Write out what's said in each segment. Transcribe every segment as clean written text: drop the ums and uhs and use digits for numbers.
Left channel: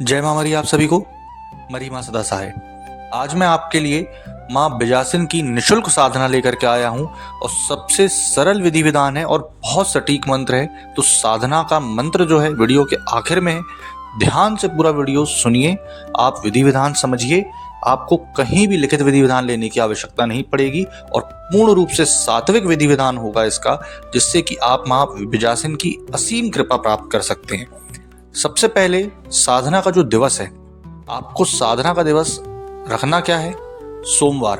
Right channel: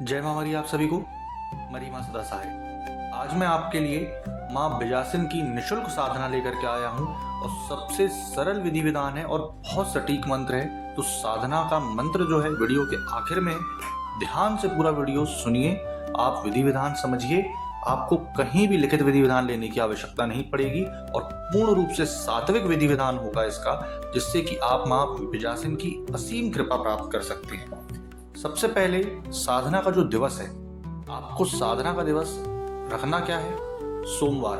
जय माँ मरी आप सभी को। मरी माँ सदा सहाय। आज मैं आपके लिए माँ बिजासन की निशुल्क साधना लेकर के आया हूँ और सबसे सरल विधि विधान है और बहुत सटीक मंत्र है। तो साधना का मंत्र जो है वीडियो के आखिर में है, ध्यान से पूरा वीडियो सुनिए, आप विधि विधान समझिए। आपको कहीं भी लिखित विधि विधान लेने की आवश्यकता नहीं पड़ेगी और पूर्ण रूप से सात्विक विधि विधान होगा इसका, जिससे कि आप माँ बिजासन की असीम कृपा प्राप्त कर सकते हैं। सबसे पहले साधना का जो दिवस है, आपको साधना का दिवस रखना क्या है? सोमवार।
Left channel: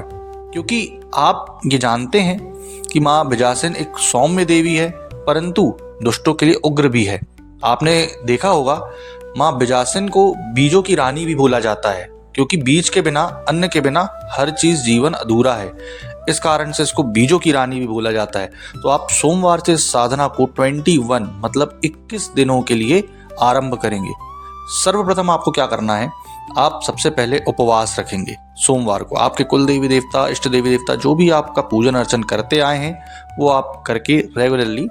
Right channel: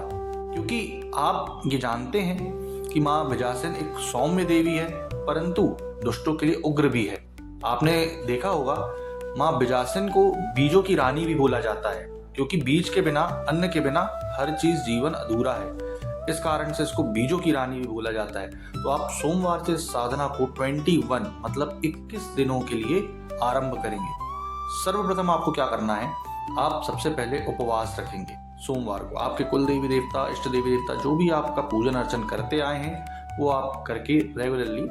क्योंकि आप ये जानते हैं कि माँ बिजासन एक सौम्य देवी है, परंतु दुष्टों के लिए उग्र भी है। आपने देखा होगा माँ बिजासन को बीजों की रानी भी बोला जाता है, क्योंकि बीज के बिना, अन्न के बिना हर चीज जीवन अधूरा है। इस कारण से इसको बीजों की रानी भी बोला जाता है। तो आप सोमवार से साधना को 21 मतलब 21 दिनों के लिए आरंभ करेंगे। सर्वप्रथम आपको क्या करना है, आप सबसे पहले उपवास रखेंगे। सोमवार को आपके कुल देवी देवता, इष्ट देवी देवता जो भी आपका पूजन अर्चन करते आए हैं वो आप करके रेगुलरली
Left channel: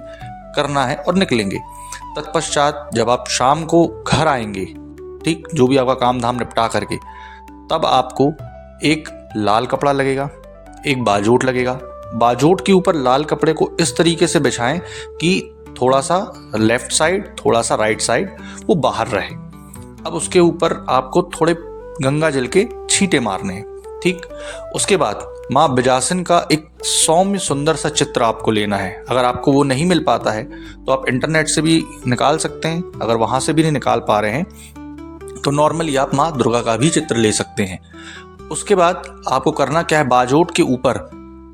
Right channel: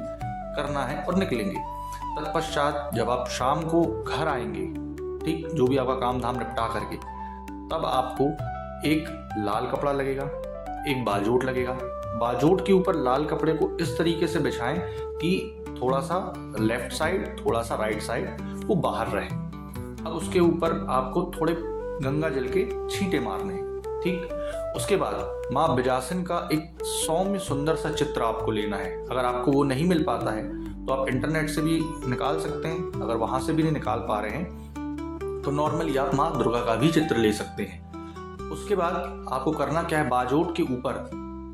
करना है और निकलेंगे। तत्पश्चात जब आप शाम को घर आएंगे, ठीक, जो भी आपका काम धाम निपटा करके, तब आपको एक लाल कपड़ा लगेगा, एक बाजोट लगेगा। बाजोट के ऊपर लाल कपड़े को इस तरीके से बिछाएं कि थोड़ा सा लेफ्ट साइड, थोड़ा सा राइट साइड वो बाहर रहे। अब उसके ऊपर आपको थोड़े गंगा जल के छींटे मारने हैं, ठीक। उसके बाद माँ बिजासन का एक सौम्य सुंदर सा चित्र आपको लेना है। अगर आपको वो नहीं मिल पाता है तो आप इंटरनेट से भी निकाल सकते हैं। अगर वहां से भी नहीं निकाल पा रहे हैं तो नॉर्मली आप माँ दुर्गा का भी चित्र ले सकते हैं। उसके बाद आपको करना क्या है, बाजोट के ऊपर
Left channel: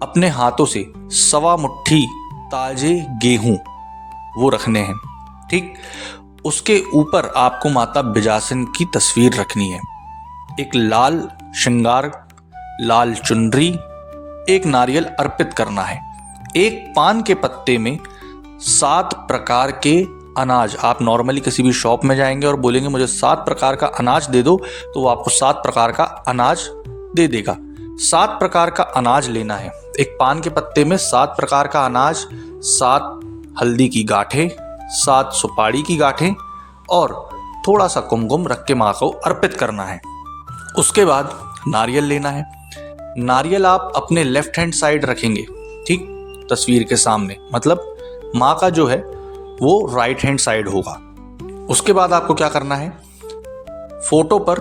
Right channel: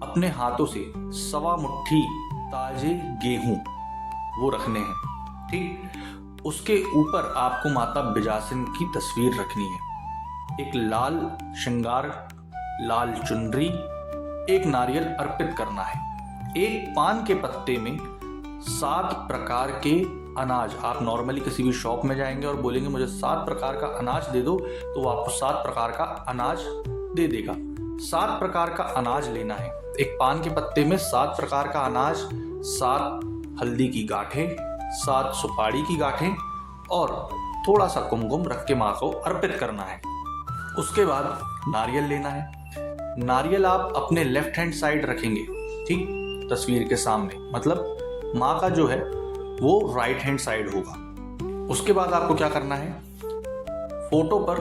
अपने हाथों से 1.25 मुट्ठी ताजे गेहूं वो रखने हैं, ठीक। उसके ऊपर आपको माता बिजासन की तस्वीर रखनी है। एक लाल श्रृंगार, लाल चुनरी, एक नारियल अर्पित करना है। एक पान के पत्ते में 7 प्रकार के अनाज, आप नॉर्मली किसी भी शॉप में जाएंगे और बोलेंगे मुझे 7 प्रकार का अनाज दे दो, तो वो आपको 7 प्रकार का अनाज दे देगा। 7 प्रकार का अनाज लेना है। एक पान के पत्ते में 7 प्रकार का अनाज, 7 हल्दी की गांठें, 7 सुपारी की गांठें और थोड़ा सा कुमकुम रख के माँ को अर्पित करना है। उसके बाद नारियल लेना है। नारियल आप अपने लेफ्ट हैंड साइड रखेंगे, ठीक, तस्वीर के सामने, मतलब माँ का जो है वो राइट हैंड साइड होगा। उसके बाद आपको क्या करना है, फोटो पर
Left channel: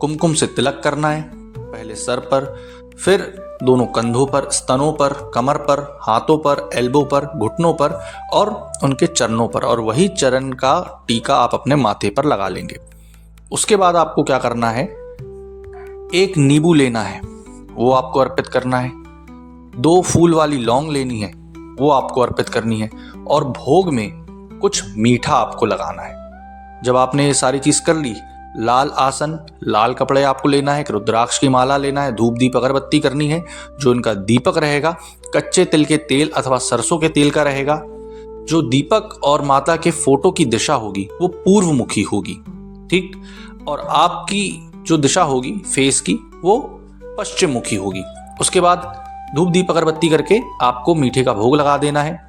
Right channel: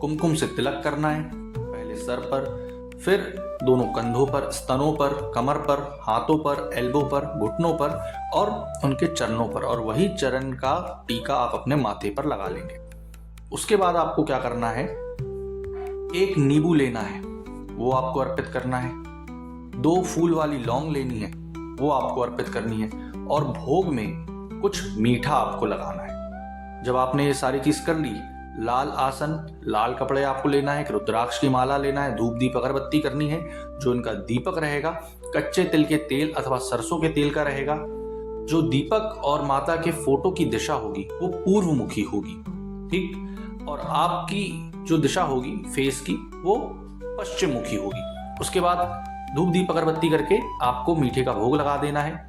कुमकुम से तिलक करना है। पहले सर पर, फिर दोनों कंधों पर, स्तनों पर, कमर पर, हाथों पर, एल्बो पर, घुटनों पर और उनके चरणों पर, और वही चरण का टीका आप अपने माथे पर लगा लेंगे। उसके बाद आपको क्या करना है, एक नींबू लेना है, वो आपको अर्पित करना है। 2 फूल वाली लौंग लेनी है, वो आपको अर्पित करनी है। और भोग में कुछ मीठा आपको लगाना है। जब आपने ये सारी चीज कर ली, लाल आसन, लाल कपड़े आपको लेना है, एक रुद्राक्ष की माला लेना है, धूप दीप अगरबत्ती करनी है। जो इनका दीपक रहेगा कच्चे तिल के तेल अथवा सरसों के तेल का रहेगा। जो दीपक और माता के फोटो की दिशा होगी वो पूर्व मुखी होगी, ठीक, और आपकी जो दिशा होगी फेस की वो पश्चिम मुखी होगी। उसके बाद धूप दीप अगरबत्ती करके आपको मीठे का भोग लगा देना है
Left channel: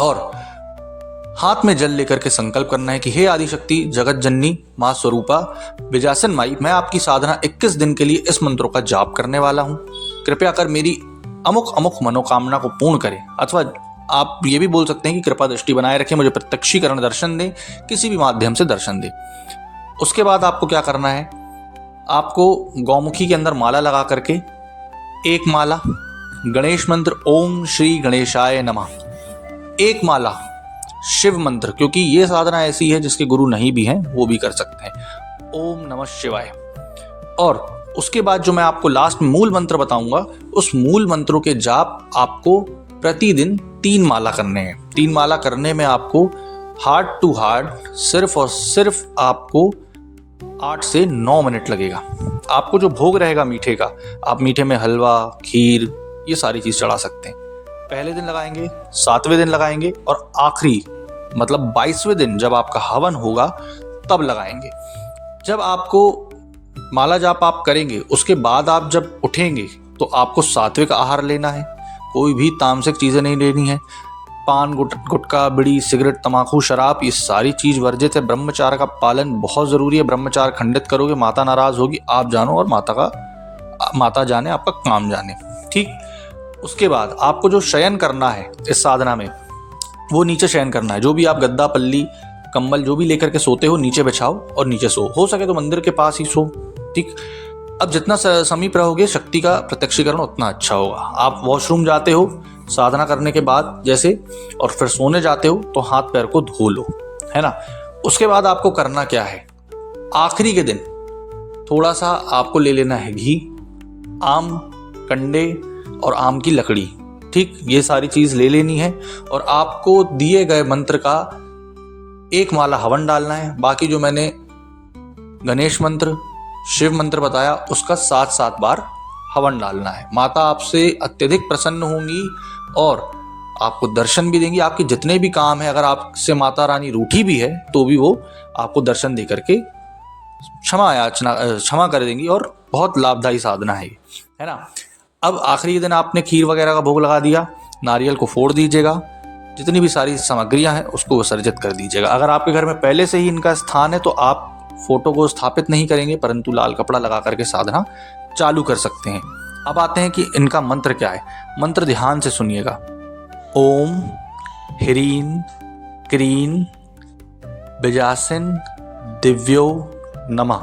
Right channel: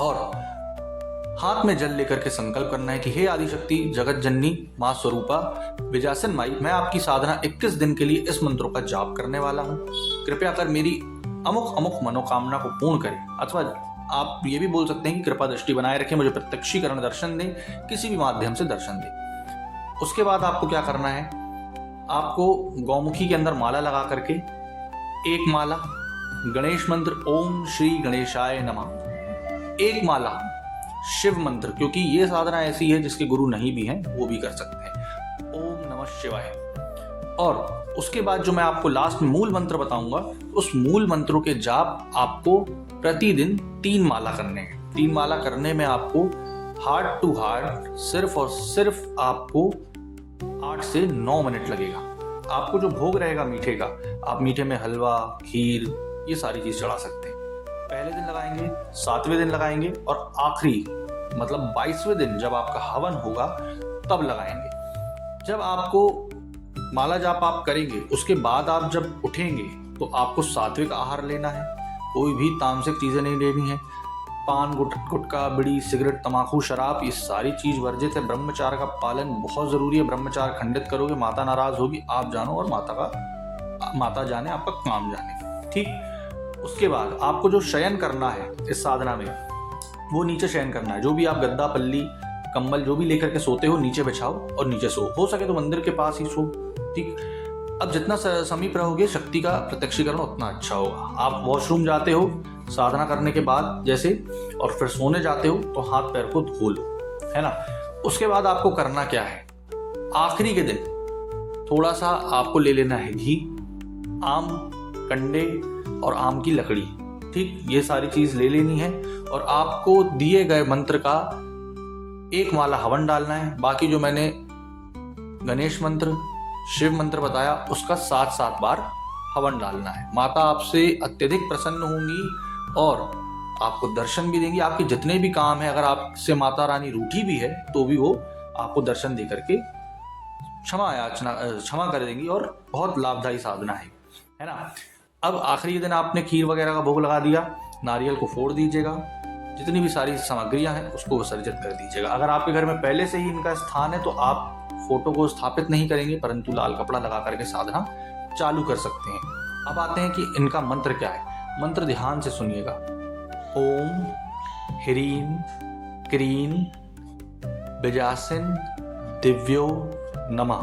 और हाथ में जल लेकर के संकल्प करना है कि हे आदिशक्ति जगत जननी माँ स्वरूपा बिजासन माई, मैं आपकी साधना 21 दिन के लिए इस मंत्रों का जाप करने वाला हूँ। कृपया कर मेरी अमुक अमुक मनोकामना को पूर्ण करें। अथवा आप ये भी बोल सकते हैं कि कृपा दृष्टि बनाए रखें, मुझे प्रत्यक्षीकरण दर्शन दें, किसी भी माध्यम से दर्शन दें। उसके बाद आपको क्या करना है, आपको गौमुखी के अंदर माला लगा करके एक माला गणेश मंत्र ओम श्री गणेशाय नमः, एक माला शिव मंत्र, क्योंकि ये साधना ऐसी है जिसके गुरु नहीं भी हैं वो भी कर सकते हैं, ओम नमः शिवाय। और उसके बाद जो मैं आपको लास्ट में मूल मंत्र बताऊंगा, उस मूल मंत्रों के जाप आपको प्रतिदिन 3 माला करने हैं। 3 माला करने में आपको हार्ट टू हार्ट सिर्फ और सिर्फ आपको 8 से 9 मिनट लगेगा। आपको जो भोग रहेगा मीठे का, आप मीठे में हलवा, खीर, ये सारी चीज चढ़ा सकते हैं। पहले दिन लगाएंगे, 7वें दिन लगाएंगे और आखिरी मतलब 22वें दिन जब आपका हवन होगा तब लगाएंगे। जब आपको माला जाप आप करेंगे, उसके बाद आप जब उठेंगे तो आपको सात्विक आहार लेना है, कोई भी तामसिक चीजें नहीं लेनी है। पान, गुटखा, बीड़ी, सिगरेट, तंबाकू, शराब, ये सारी चीज़ वर्जित है। ब्रह्मचार्य का पालन बहुत ज़रूरी है। ब्रह्मचार्य खंडित करोगे माता नाराज़ होगी, आप जानो और माता जाने, आपका काम जाने। ठीक। उसके बाद आपको जो शयन करना है इस साधना में, वो नीचे शयन करना है। जो भी आप गद्दा, पल्ली, कंबल जो भी लेकर के सोते हो, नीचे बिछाओ और नीचे सो। हो सके तो मंदिर के पास ही सो। ठीक। अब जितना समीप रहोगे शक्ति का प्रत्यक्षीकरण उतना अच्छा होगा। आप वॉशरूम जाते हो साधना करने के बाद जैसे, और फिर सोने जाते हो तो हाथ पैर को धो लो, है ना। उसके बाद आपको करना क्या है, आखिरी के दिन थोड़ा सा आपको ले लेना है घी, आम, कंडे और आम की लकड़ी। ठीक, ये सारी चीज ले लेनी है और आपको दिए गए मंत्र का एक माला हवन डालना है। बाकी जो मैंने गणेश मंत्र, शिव मंत्र बताया, उसका 7-7 बार हवन डालना है। माता आपसे अत्यधिक प्रसन्न होंगी और आपको दर्शन भी देंगी। आपके जितने भी काम है, अगर आपसे माता रानी रूठी भी है तो भी वो आपको दर्शन दे करके क्षमा कर देंगी और बहुत लाभदायी साधना है ना। अब आखिरी दिन आपने खीर वगैरह का भोग लगा दिया, नारियल को फोड़ दीजिएगा, जितनी भी सारी सामग्रियां हैं उसको विसर्जित कर दीजिएगा। अगर आपके घर में पहले से ही इनका स्थान है तो आप फोटो को स्थापित नहीं करेंगे, परंतु लाल कपड़ा लगा करके साधना चालू कर सकते हैं। अब आते हैं कि इनका मंत्र क्या है। मंत्र ध्यान से सुनिएगा। ओम ह्रीं क्रीं बिजासिन दिव्यो नमः।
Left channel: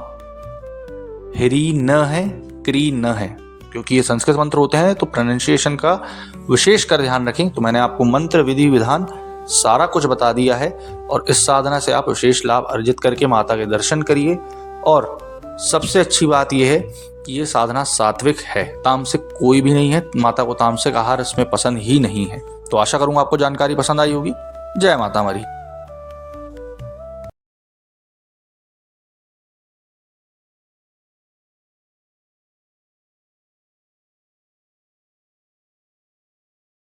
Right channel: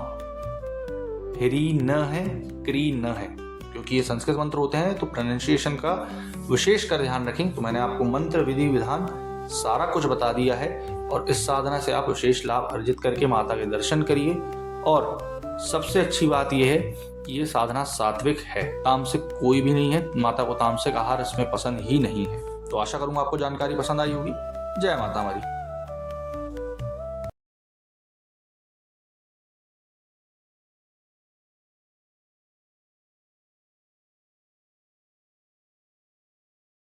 ह्री न है, क्री न है, क्योंकि ये संस्कृत मंत्र होते हैं तो प्रोनाउंसिएशन का विशेष कर ध्यान रखें। तो मैंने आपको मंत्र, विधि, विधान सारा कुछ बता दिया है और इस साधना से आप विशेष लाभ अर्जित करके माता के दर्शन करिए। और सबसे अच्छी बात यह है कि ये साधना सात्विक है, तामसिक कोई भी नहीं है। माता को तामसिक आहार इसमें पसंद ही नहीं है। तो आशा करूंगा आपको जानकारी पसंद आई होगी। जय माता हमारी।